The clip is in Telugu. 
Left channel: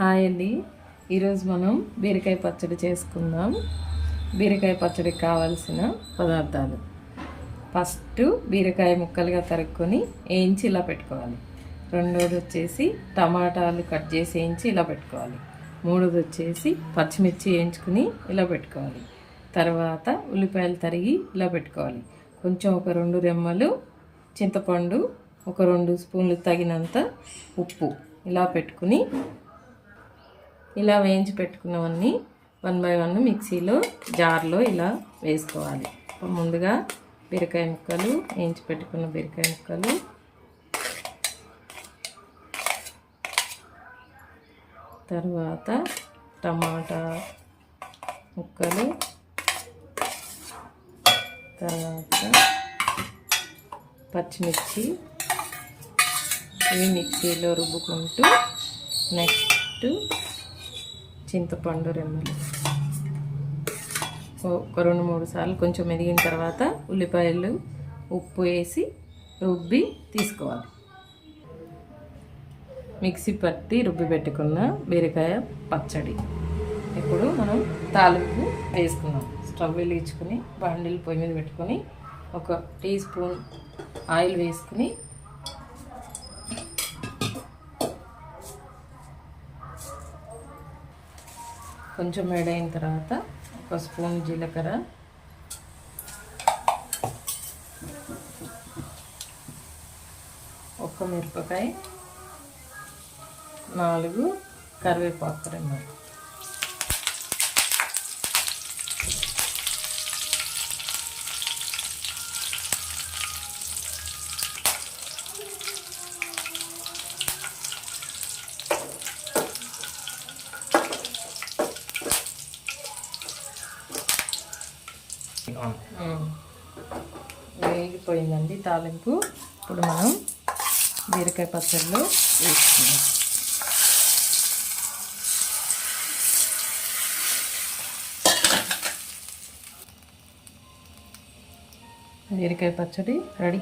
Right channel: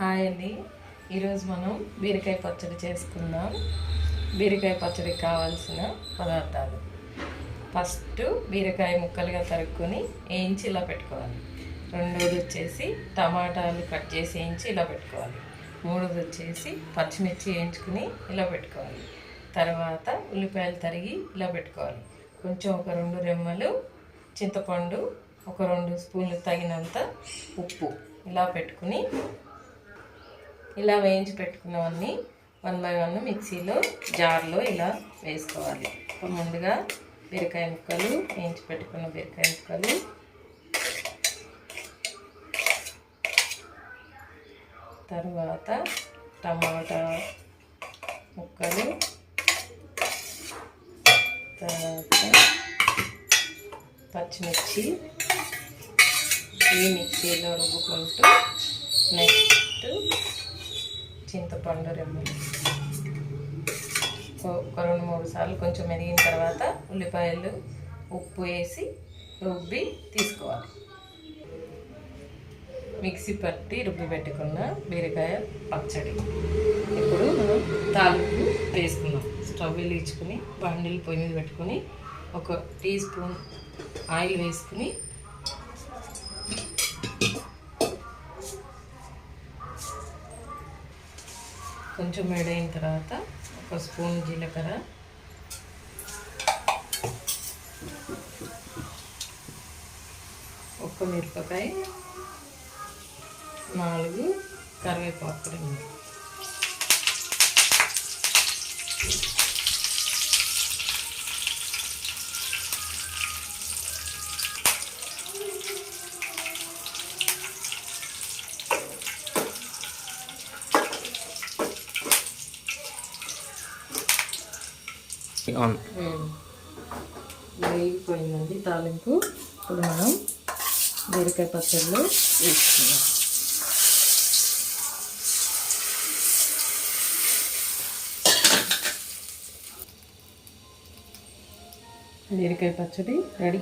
హాయ్ అండి. ఈరోజు మనం బీరకాయ పచ్చడి చేసుకుందాం. బీరకాయ పచ్చడికి కావాల్సిన పదార్థాలు: ఫస్ట్ బీరకాయ ముక్కలుగా తరుక్కొని వేయించి ఇలా పెట్టుకోవాలి. రెండోది వచ్చేసి టమాటాలు కట్ చేసి వేయించి ఇలా పెట్టుకోవాలి. మూడోది వచ్చేసి పచ్చిమిర్చి వేయించుకుని ఇలా పెట్టుకోవాలి. తర్వాత ఉల్లిపాయలు తరిగి ఇలా పెట్టుకోవాలి. కొంచెం ఒక 2 రెమ్మలు చింతపండు, ఒక 2 స్పూన్లు తగినంత ఉప్పు ఇలా పెట్టుకుని ఇలా వేయించి పెట్టుకున్నవన్నీ 1 బై 1 మిక్సీలో జార్లో ఇలా వేసుకోవాలి. ముందుగా బీరకాయ ముక్కలు, వేయించి పెట్టుకున్న బీరకాయ ముక్కలు, తర్వాత టమాటా ముక్కలు, తర్వాత పచ్చిమిర్చి ఇవి మిక్సీలో రుబ్బుకుంటూ, నెక్స్ట్ చింతపండు రెమ్మలు ఒక 2-3 సార్లు కొంచెం మెదిగిన తర్వాత ఉల్లిపాయలు, ఉప్పు వేసి రుబ్బి తీసుకోవాలి. మిక్సీ పట్టి రుబ్బి పెట్టుకున్న బీరకాయ పచ్చడి. ఇప్పుడు మనం తాలింపు వేసుకున్నాం. స్టవ్ వెలిగించుకొని బండిల్ పొయ్యి మీద పెట్టుకొని 1 టీ స్పూన్ ఆయిల్ వేసుకుని కొంచెం వేడైన తర్వాత 1 స్పూన్ జీలకర్ర, 1 మిరపకాయ, 4 కరివేపాకు రెమ్మలు, వేగిపోయిందండి తాలింపు. ఇప్పుడు మనం బీరకాయ పచ్చడిలో వేసుకున్నాం. బీరకాయ పచ్చడి రెడీ.